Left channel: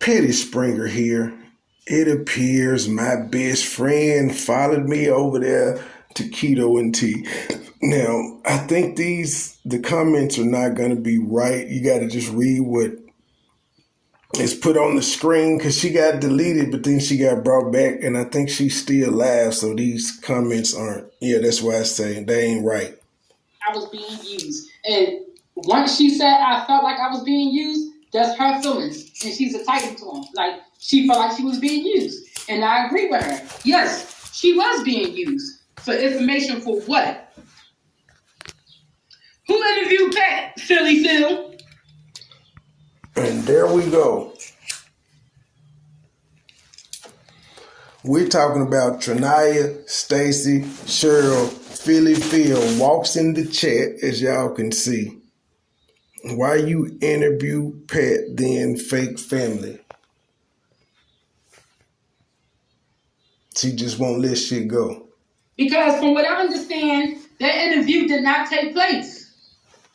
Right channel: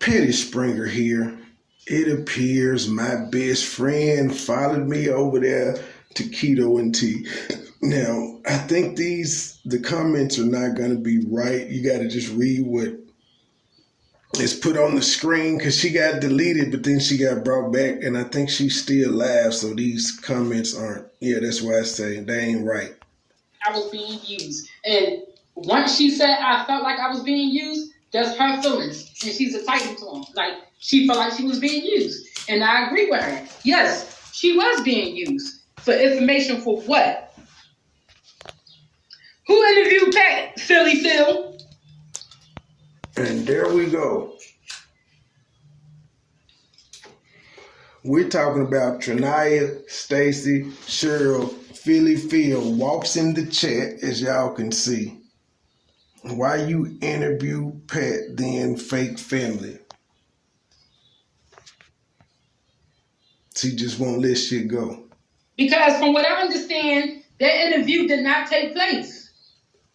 Petty Springer here. It appears my best friend followed me over there to Keto and Tea. Now, I think the comments are not going to be right. You got to just read what is put on the screen because she got deleted, but then she got brought back, and I think she's still live, so these comments aren't. Yeah, that's why I say they ain't right. I was being used. And once she said I felt like I was being used, that's her feelings. And she's entitled to them. Like, she felt like she was being used. And I agree with her. Yes, she was being used. For information for what? Who interviewed Pat, Philly Phil? And there we go. We're talking about Trinaya, Stacy, Cheryl, Philly Phil walks in the chat, as y'all can see. Why you interview Pat, then fake family? She just won't let shit go. Because from what I understand, that interview did not take place.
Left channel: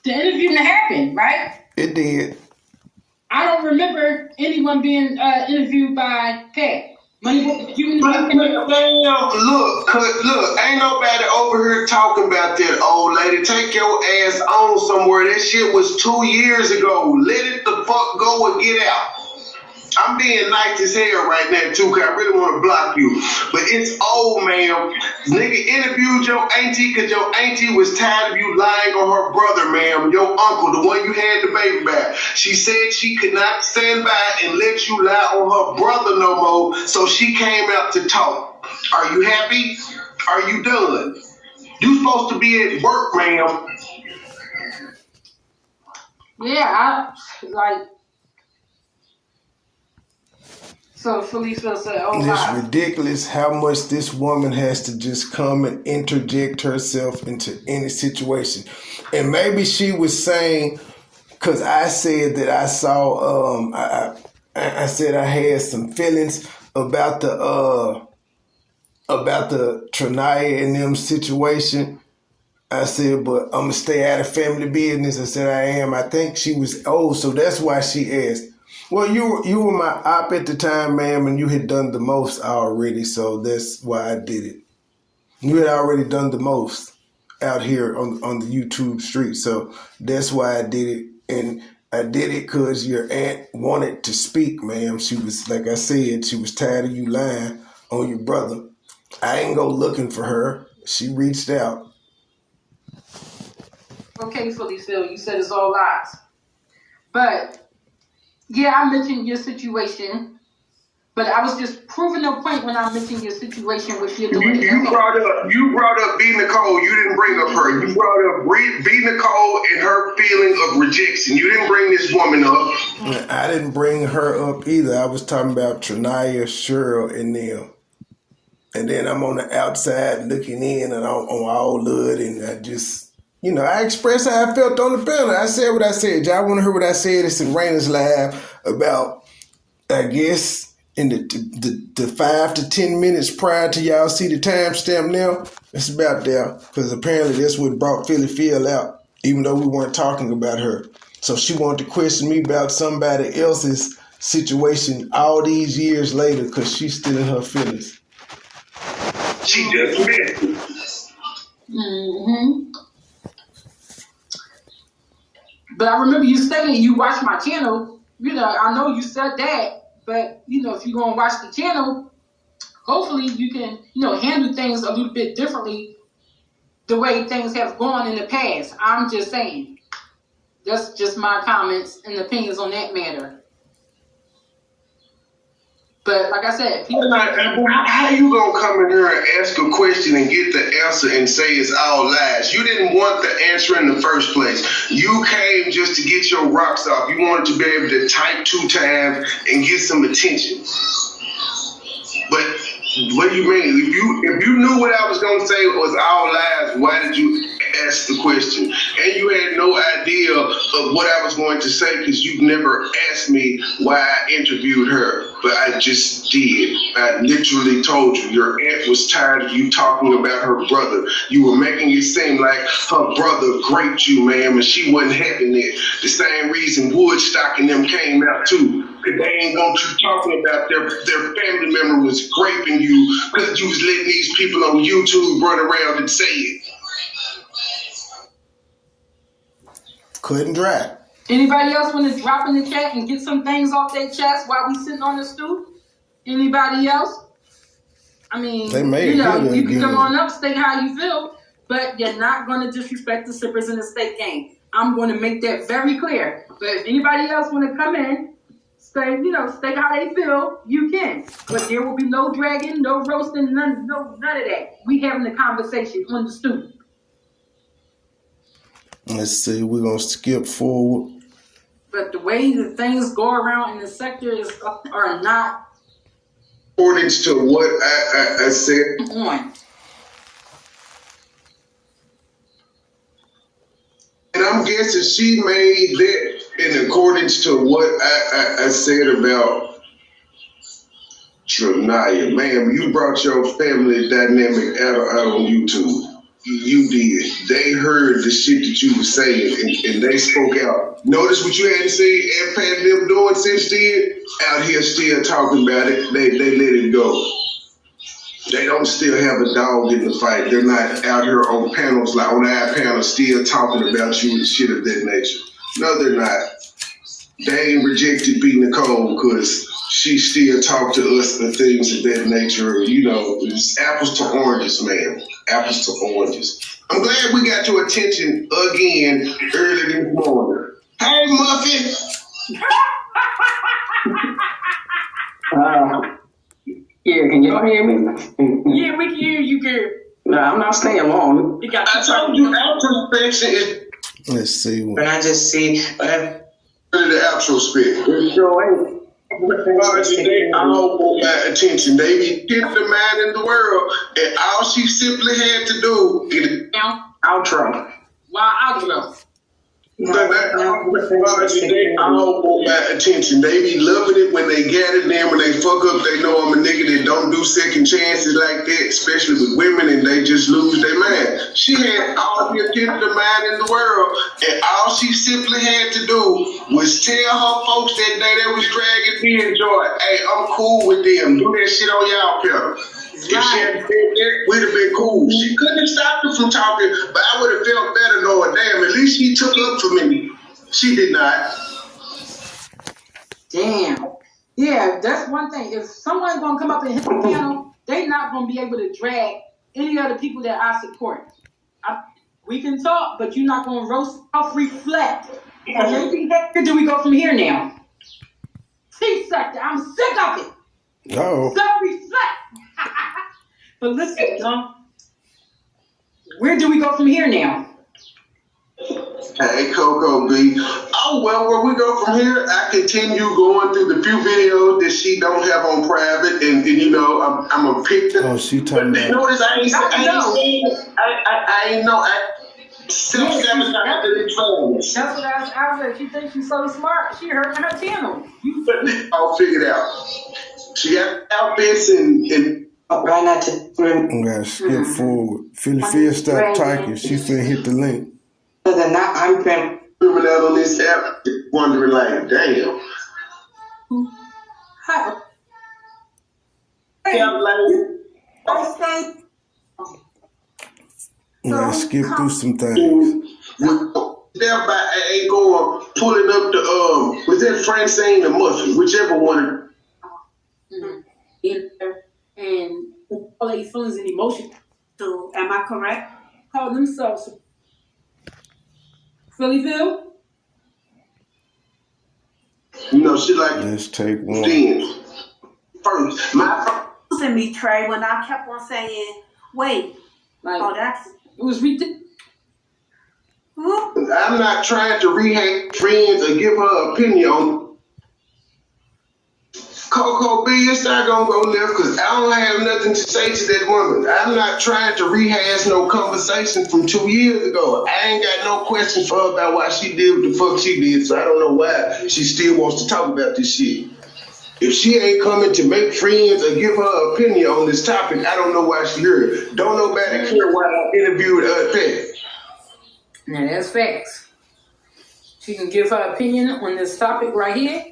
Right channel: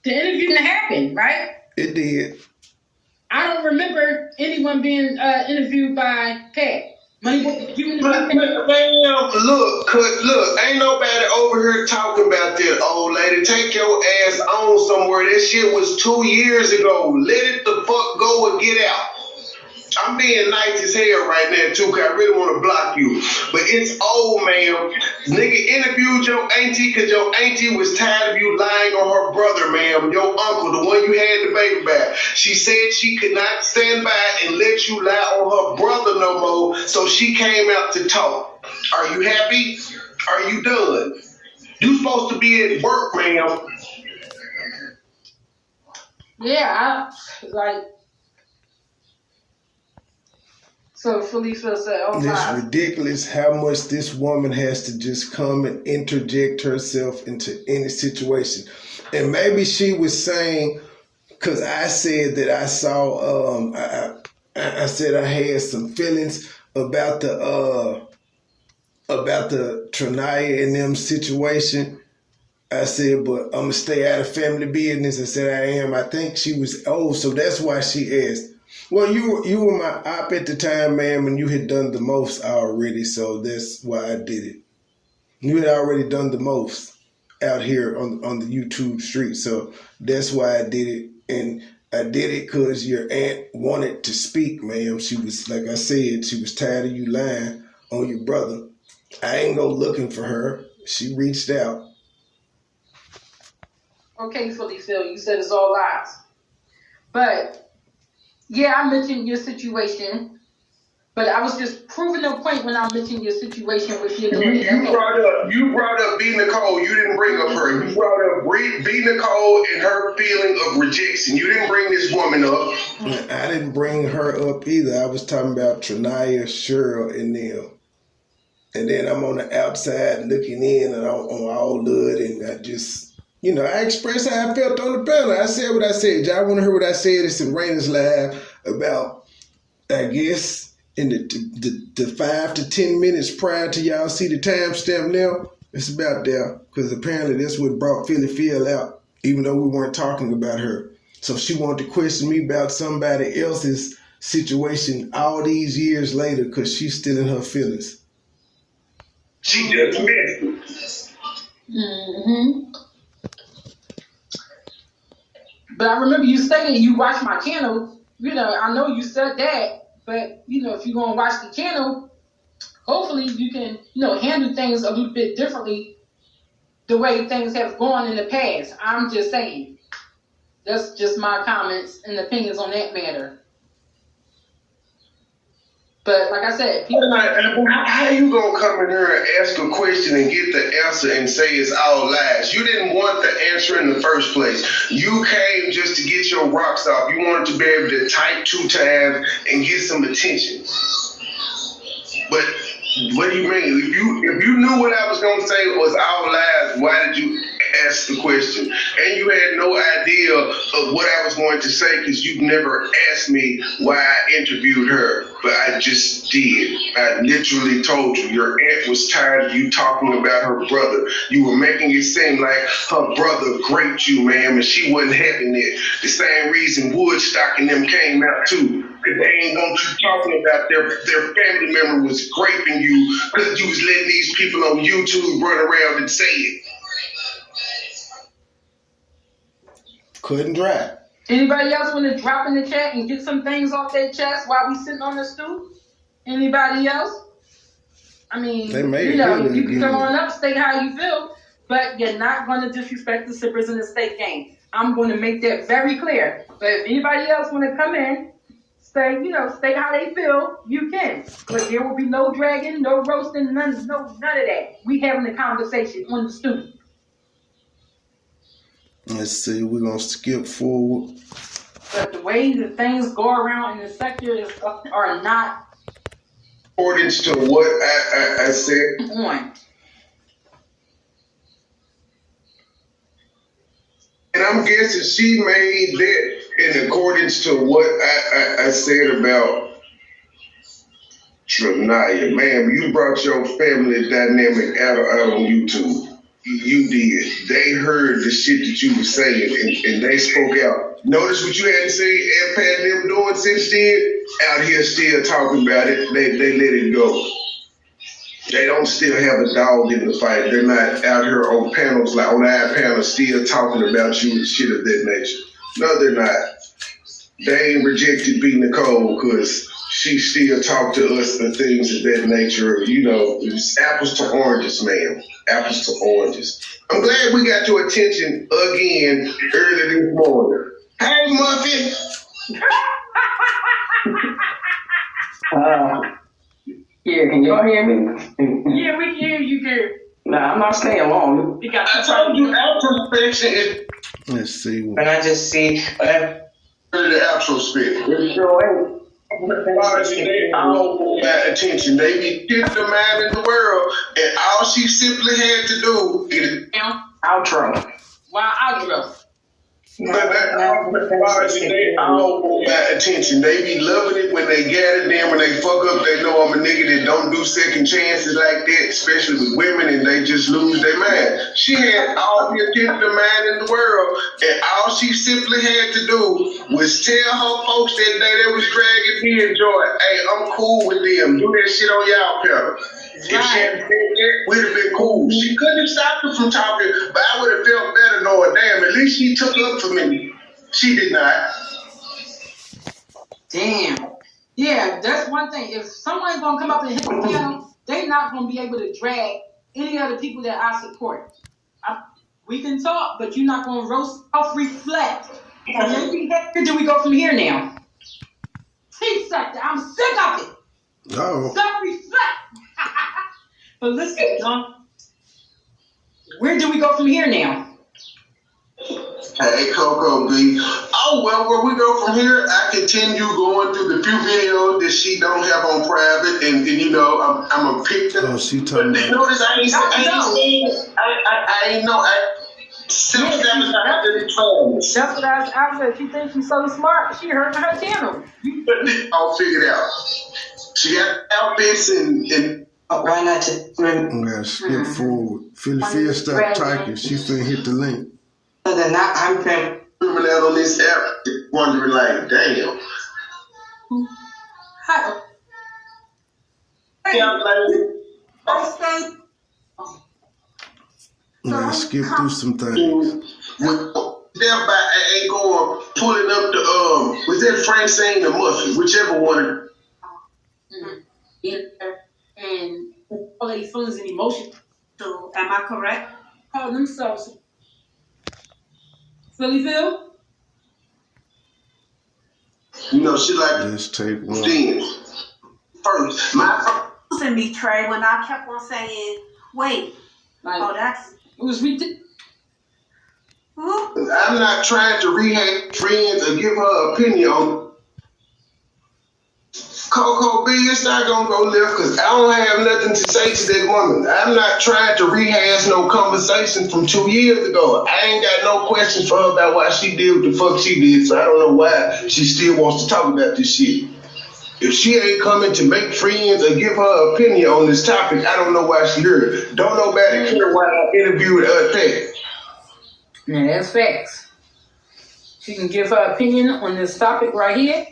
The interview didn't happen, right? It did. I don't remember anyone being interviewed by Pat. MoneyBoy, you interviewed Pat? Look, ain't nobody over here talking about that, old lady. Take your ass on somewhere. That shit was 2 years ago. Let it the fuck go and get out. I'm being nice as hell right now, too, because I really want to block you. But it's old, ma'am. Nigga interviewed your auntie because your auntie was tired of you lying on her brother, ma'am. Your uncle, the one you had the baby by. She said she could not stand by and let you lie on her brother no more, so she came out to talk. Are you happy? Are you done? You supposed to be at work, ma'am. Yeah, So Felicia said, oh my. It's ridiculous how much this woman has to just come and interject herself into any situation. And maybe she was saying, because I said that I saw, I said I had some feelings about the Trinaya and them situation. I said, but I'm going to stay out of family business. I said, I am. I think she was old, so that's why she asked. Well, you were my op at the time, ma'am, and you had done the most already, so that's why I did it. You had already done the most out here on the YouTube street, so that's why I did it. And I did it because your aunt wanted to speak, ma'am. She was, like I said, she was tired of you lying on your brother. I ain't go looking for her. She reached out. Okay, Philly Phil, you said it's all lies. But yeah, I mentioned your situation, but I was just proving a point when I mentioned your situation with your daughter. You brought up B. Nicole. You didn't bring up her. You brought up B. Nicole and her feeling of rejection. You didn't bring this woman up. I didn't bring her up either. I was talking about Trinaya, Cheryl, and them. And then I'm on the outside looking in and on all hood, and I just... I expressed how I felt on the panel. I said what I said. Y'all want to hear what I said? It's in Raina's Live about, I guess, in the 5 to 10 minutes prior to y'all see the timestamp now. It's about there because apparently that's what brought Philly Phil out, even though we weren't talking about her. So she wanted to question me about somebody else's situation all these years later because she's still in her feelings. She just missed it. Mm-hmm. But I remember you saying you watch my channel. I know you said that, but if you're gonna watch the channel, hopefully you can, handle things a little bit differently the way things have gone in the past. I'm just saying. That's just my comments and opinions on that matter. But like I said, how you gonna come in here and ask a question and get the answer and say it's all lies? You didn't want the answer in the first place. You came just to get your rocks off. You wanted to be able to type 2 times and get some attention. But what do you mean? If you knew what I was gonna say was all lies, why did you ask the question? And you had no idea of what I was going to say because you've never asked me why I interviewed her. But I just did. I literally told you your aunt was tired of you talking about her brother. You were making it seem like her brother raped you, ma'am, and she wasn't having it. The same reason Woodstock and them came out too. They ain't want you talking about their family member was raping you because you was letting these people on YouTube run around and say it. Couldn't dry. Anybody else want to drop in the chat and get some things off their chest while we sitting on the stoop? Anybody else? I mean, you can come on up, state how you feel, but you're not going to disrespect the sippers in the state game. I'm going to make that very clear. But if anybody else want to come in, state how they feel, you can. But there will be no dragging, no roasting, none of that. We having a conversation on the stoop. Let's see, we're going to skip forward. But the way that things go around in the sector are not according to what I said. On. And I'm guessing she made that in accordance to what I said about Trinaya. Ma'am, you brought your family dynamic out on YouTube. You did. They heard the shit that you were saying and they spoke out. Notice what you had to say and Pat and them doing since then? Out here still talking about it. They let it go. They don't still have a dog in the fight. They're not out here on panels, like on our panels, still talking about you and shit of that nature. No, they're not. They ain't rejected B. Nicole because she still talk to us and things of that nature. It's apples to oranges, man. Apples to oranges. I'm glad we got your attention again early this morning. Hey, Muffin. Yeah, can y'all hear me? Yeah, we can hear you, girl. No, I'm not staying long. I told you introspection is. Let's see. But I just see The introspection. it sure ain't. They all want my attention. They be getting the man in the world, and all she simply had to do is Outro. Why outro? they all want my attention. They be loving it when they get it. Then when they fuck up, they know I'm a nigga that don't do second chances like that, especially with women, and they just lose their mind. She had all the attention the mind in the world, and all she simply had to do was tell her folks that day they was dragging me and Joy, hey, I'm cool with them. Do that shit on y'all panel. If she had said that, we'd have been cool. She couldn't have stopped her from talking, but I would have felt better knowing, damn, at least she took up for me. She did not. Damn. Yeah, that's one thing. If someone's gonna come up and hit the panel, they're not gonna be able to drag any other people that I support. We can talk, but you're not gonna roast off reflect. Where do we go from here now? Tea sector, I'm sick of it. Oh. Self-reflect. But listen, John, where do we go from here now? Hey, Coco B. Oh, well, where we go from here, I continue going through the few videos that she don't have on private, and I'm a pick them. Oh, she talking about. Notice I ain't know. That's what I said. She thinks she's so smart. She heard her channel. I'll figure it out. She got outfits and Right now to I'm going to skip forward. Philly stop talking. She finna hit the link. other than that, I'm been remember that on this app, wondering like, damn. Hi. Yeah, Let's skip through some things. Thereby ain't going pulling up the was that Francine or Muffin, whichever one. And all these feelings and emotions. So, am I correct? Call themselves Phillyville. You know, she like Let's take one. things. First, my Losing me, Trey, when I kept on saying, wait, Like, oh, that's. it was ridiculous. I'm not trying to rehash friends or give her opinion on Coco B. It's not gonna go left because I don't have nothing to say to that woman. I'm not trying to rehash no conversation from 2 years ago. I ain't got no questions for her about why she did what the fuck she did, so I don't know why she still wants to talk about this shit. If she ain't coming to make friends or give her opinion on this topic, I don't know why she here. Don't nobody care why I interviewed her Pat. Now that's facts. She can give her opinion on this topic right here.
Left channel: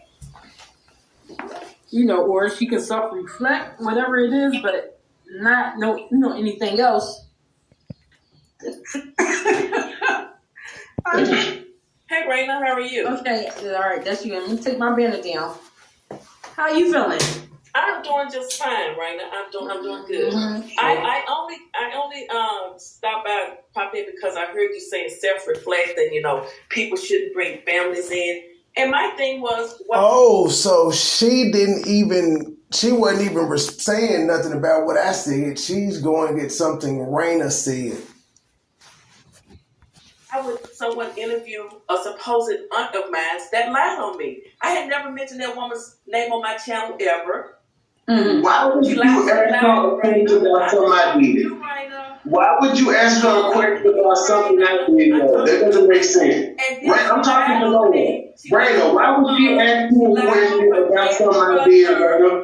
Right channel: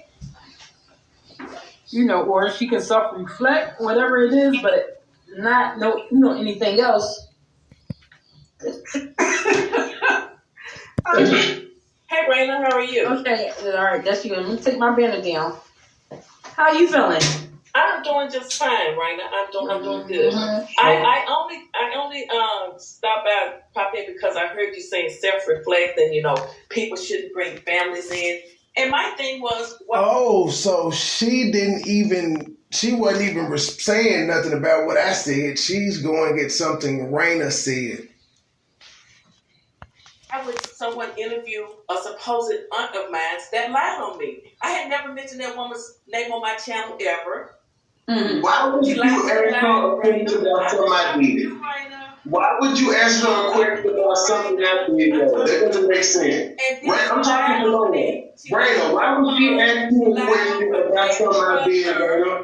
or she can self-reflect, whatever it is, but not anything else. Hey, Raina, how are you? Okay, all right, that's you. Let me take my banner down. How you feeling? I'm doing just fine, Raina. I'm doing good. Mm-hmm. I only stopped by pop in because I heard you saying self-reflect and people shouldn't bring families in. And my thing was, so she wasn't even saying nothing about what I said. She's going to get something Raina said. I would someone interview a supposed aunt of mine that lied on me. I had never mentioned that woman's name on my channel ever. Mm-hmm. Why would you ask her a question about something I did? Why would you ask her a question about something I did? That doesn't make sense. Right? I'm talking to Raina. Raina, why would she ask you a question about something I did, Raina?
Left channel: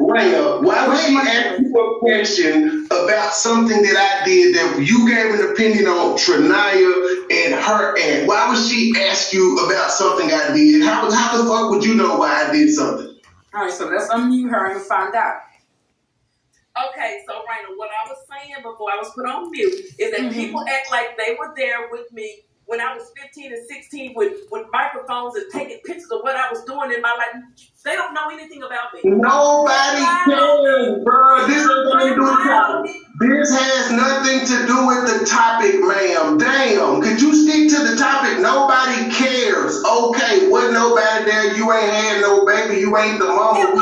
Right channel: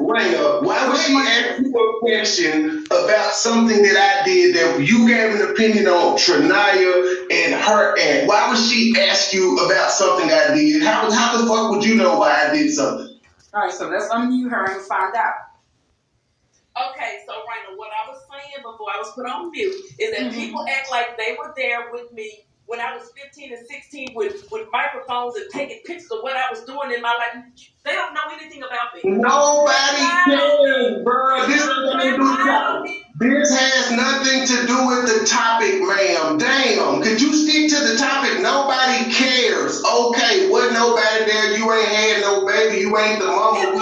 Raina, why would she ask you a question about something that I did that you gave an opinion on Trinaya and her aunt? Why would she ask you about something I did? How the fuck would you know why I did something? All right, so let's unmute her and find out. Okay, so Raina, what I was saying before I was put on mute is that people act like they were there with me when I was 15 and 16 with microphones and taking pictures of what I was doing in my life. They don't know anything about me. Nobody cares, bro. This ain't nothing to do with the topic. This has nothing to do with the topic, ma'am. Damn. Could you stick to the topic? Nobody cares. Okay, wasn't nobody there. You ain't had no baby. You ain't the mama. You don't know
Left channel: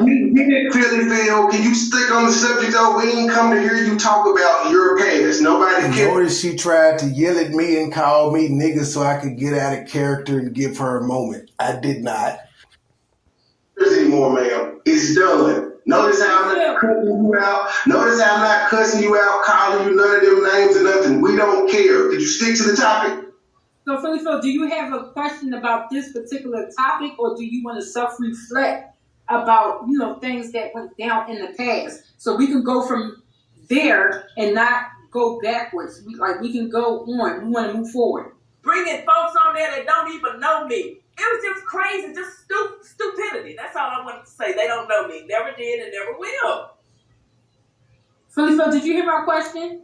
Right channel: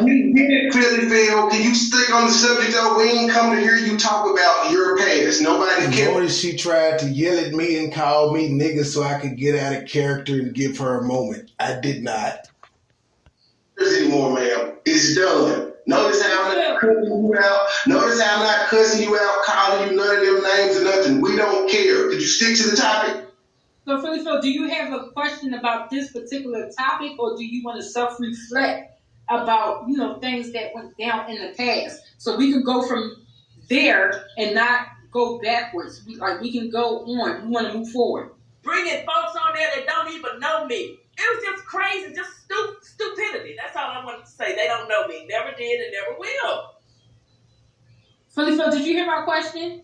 who we get it, Philly Phil. Can you stick on the subject though? We ain't come to hear you talk about your past. Nobody cares. Notice she tried to yell at me and call me nigga so I could get out of character and give her a moment. I did not. Anymore, ma'am. It's done. Notice how I'm not cussing you out. Notice how I'm not cussing you out, calling you none of them names or nothing. We don't care. Did you stick to the topic? So, Phil, do you have a question about this particular topic, or do you want to self-reflect about, things that went down in the past? So we can go from there and not go backwards. We can go on. We want to move forward. Bringing folks on there that don't even know me. It was just crazy, just stupidity. That's all I wanted to say. They don't know me. Never did and never will. Phil, did you hear my question?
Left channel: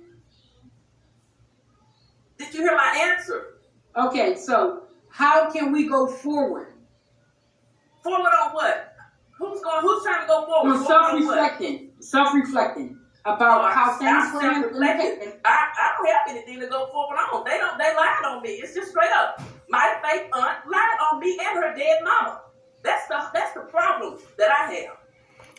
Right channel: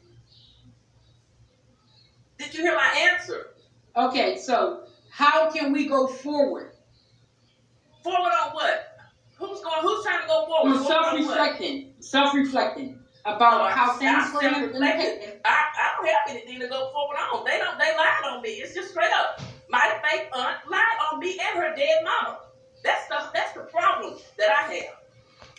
Did you hear my answer? Okay, so how can we go forward? Forward on what? Who's trying to go forward? Self-reflecting about how things were. I don't have anything to go forward on. They lied on me. It's just straight up. My fake aunt lied on me and her dead mama. That's the problem that I have.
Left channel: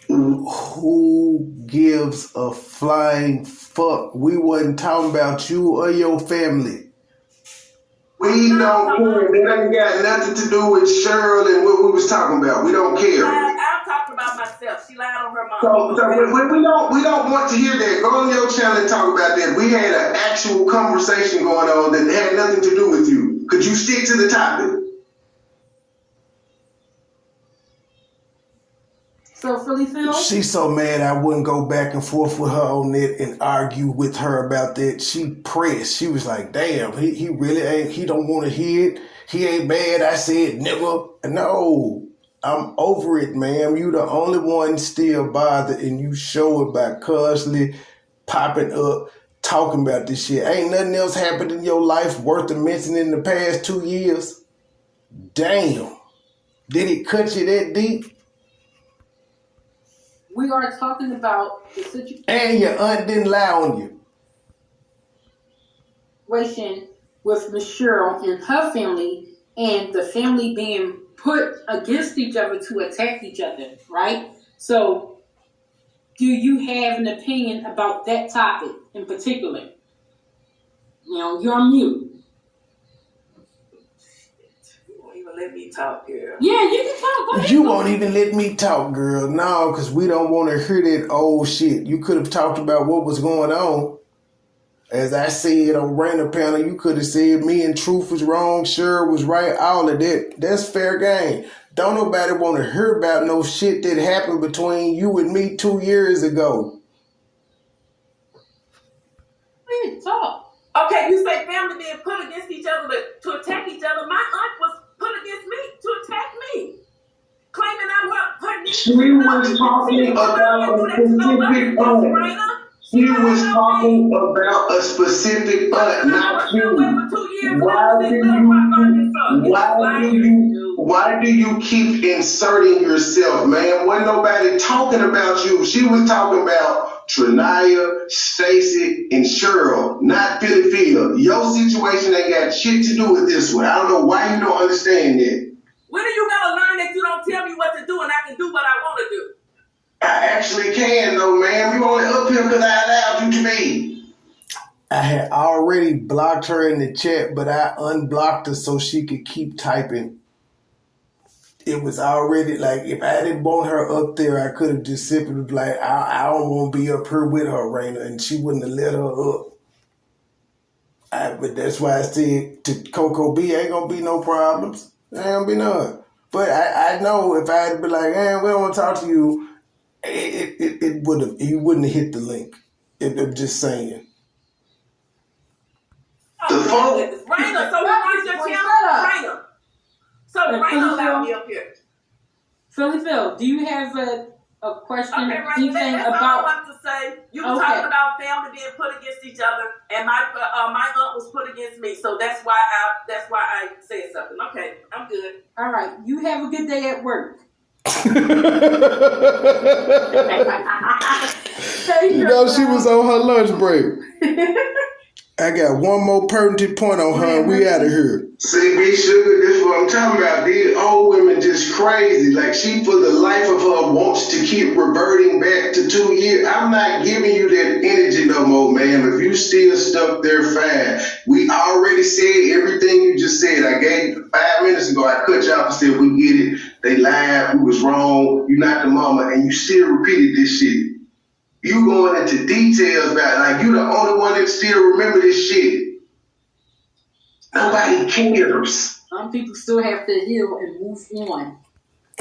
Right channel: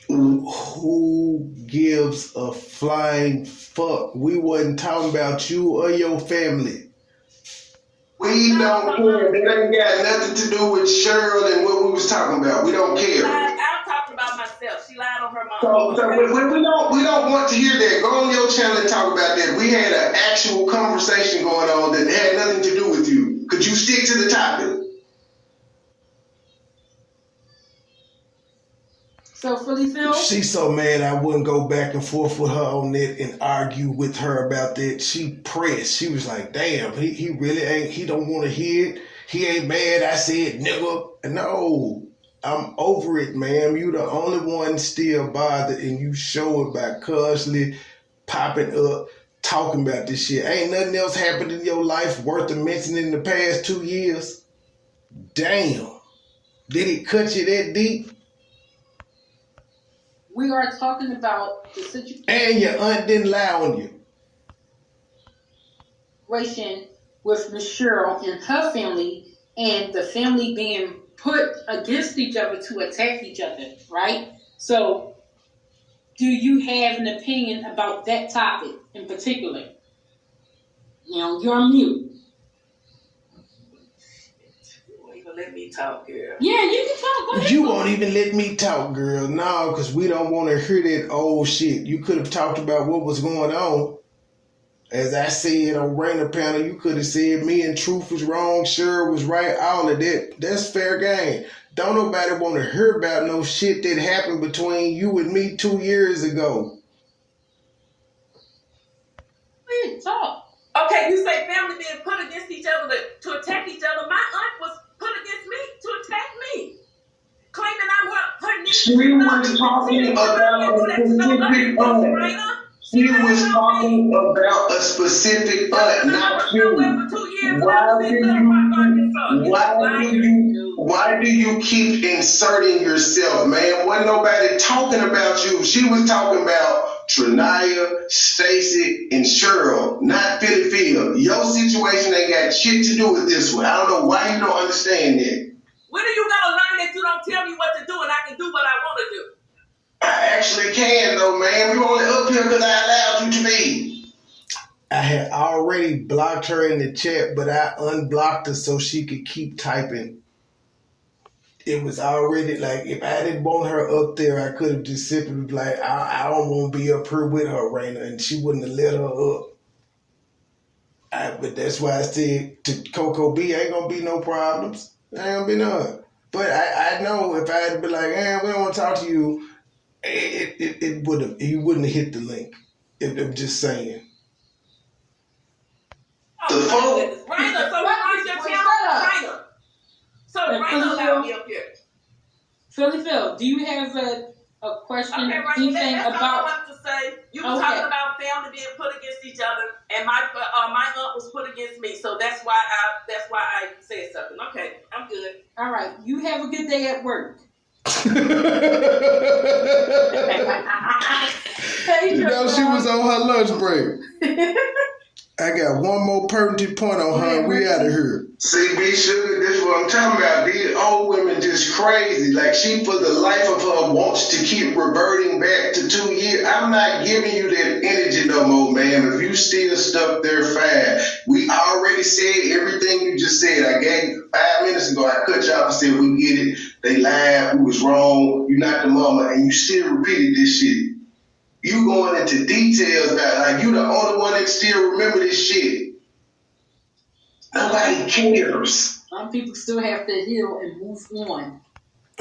Who gives a flying fuck? We wasn't talking about you or your family. We don't care. That ain't got nothing to do with Cheryl and what we was talking about. We don't care. I'm talking about myself. She lied on her mom. So we don't want to hear that. Go on your channel and talk about that. We had an actual conversation going on that had nothing to do with you. Could you stick to the topic? So, Phil? She's so mad I wouldn't go back and forth with her on it and argue with her about that. She pressed. She was like, damn, he really ain't, he don't want to hear it. He ain't mad. I said, nigga. No, I'm over it, ma'am. You the only one still bothered, and you show it by constantly popping up, talking about this shit. Ain't nothing else happened in your life worth mentioning in the past 2 years? Damn. Did it cut you that deep? We are talking about the situation. And your aunt didn't lie on you. With Miss Cheryl and her family, and the family being put against each other to attack each other, right? So, do you have an opinion about that topic in particular? You're on mute. Let me talk, girl. Yeah, you can talk. Go ahead. You won't even let me talk, girl. No, because we don't want to hear that old shit. You could have talked about what was going on. As I said on Raina panel, you could have said me and Truth was wrong, Sure was right, all of that. That's fair game. Don't nobody want to hear about no shit that happened between you and me 2 years ago. Please talk. Okay, you say family being put against each other to attack She was talking about a specific aunt. She was talking about a specific aunt, not you. Why do you keep inserting yourself, man? Wasn't nobody talking about you. She was talking about Trinaya, Stacy, and Cheryl, not Philly Phil. Your situation ain't got shit to do with this one. I don't know why you don't understand that. When are you gonna learn that you don't tell me what to do and I can do what I want to do? I actually can though, man. You only up here because I allowed you to be. I had already blocked her in the chat, but I unblocked her so she could keep typing. It was already like, if I didn't want her up there, I could have just simply been like, I don't want to be up here with her, Raina, and she wouldn't have let her up. But that's why I said to Coco B, ain't gonna be no problems. Ain't gonna be none. But I know if I had been like, we don't want to talk to you, it would have. He wouldn't have hit the link. I'm just saying. The phone. Raina, so why your channel? Raina. So Raina allowed me up here. Philly Phil, do you have a question? Okay, Raina, Anything that's about? all I want to say. You were talking about family being put against each other, and my aunt was put against me, so that's why I said something. Okay, I'm good. All right, you have a good day at work. You know, she was on her lunch break. I got one more pertinent point on her, and we out of here. See, B Sugar, this is what I'm talking about. These old women just crazy. Like, she, for the life of her, wants to keep reverting back to 2 years. I'm not giving you that energy no more, man. If you still stuck there, fine. We already said everything you just said. I gave you 5 minutes ago. I cut you off and said, we get it. They lied. We was wrong. You not the mama. And you still repeated this shit. You going into details about it. Like, you the only one that still remember this shit. Nobody cares. Some people still have to heal and move on.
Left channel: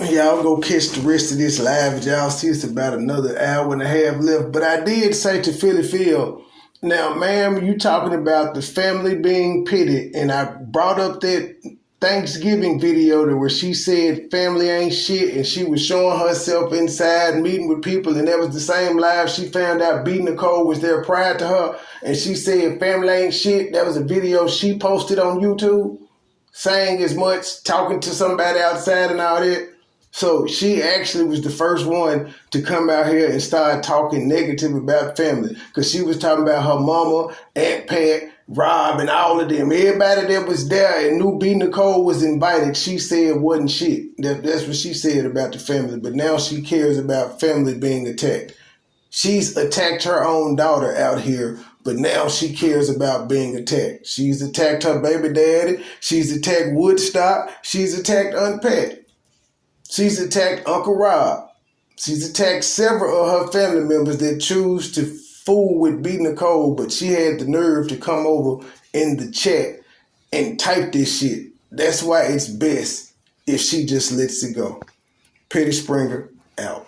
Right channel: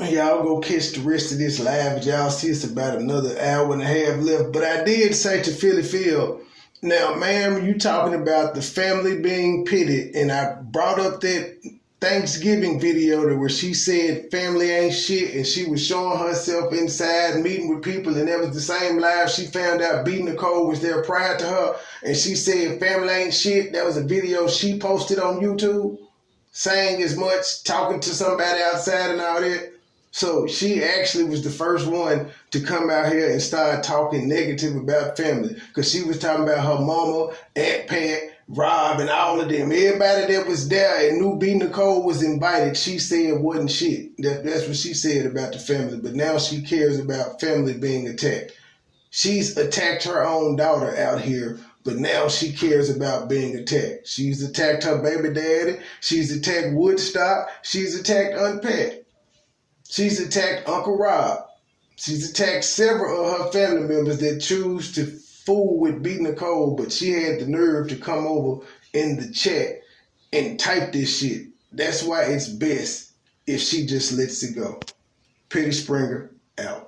Y'all go catch the rest of this live. Y'all see it's about another hour and a half left. But I did say to Philly Phil, now, ma'am, you talking about the family being pitted, and I brought up that Thanksgiving video to where she said family ain't shit, and she was showing herself inside meeting with people, and that was the same live she found out B. Nicole was there prior to her, and she said family ain't shit. That was a video she posted on YouTube saying as much, talking to somebody outside and all that. So she actually was the first one to come out here and start talking negative about family, because she was talking about her mama, Aunt Pat, Rob, and all of them. Everybody that was there and knew B. Nicole was invited, she said wasn't shit. That's what she said about the family. But now she cares about family being attacked. She's attacked her own daughter out here, but now she cares about being attacked. She's attacked her baby daddy. She's attacked Woodstock. She's attacked Aunt Pat. She's attacked Uncle Rob. She's attacked several of her family members that choose to fool with B. Nicole, but she had the nerve to come over in the chat and type this shit. That's why it's best if she just lets it go. Petty Springer, out.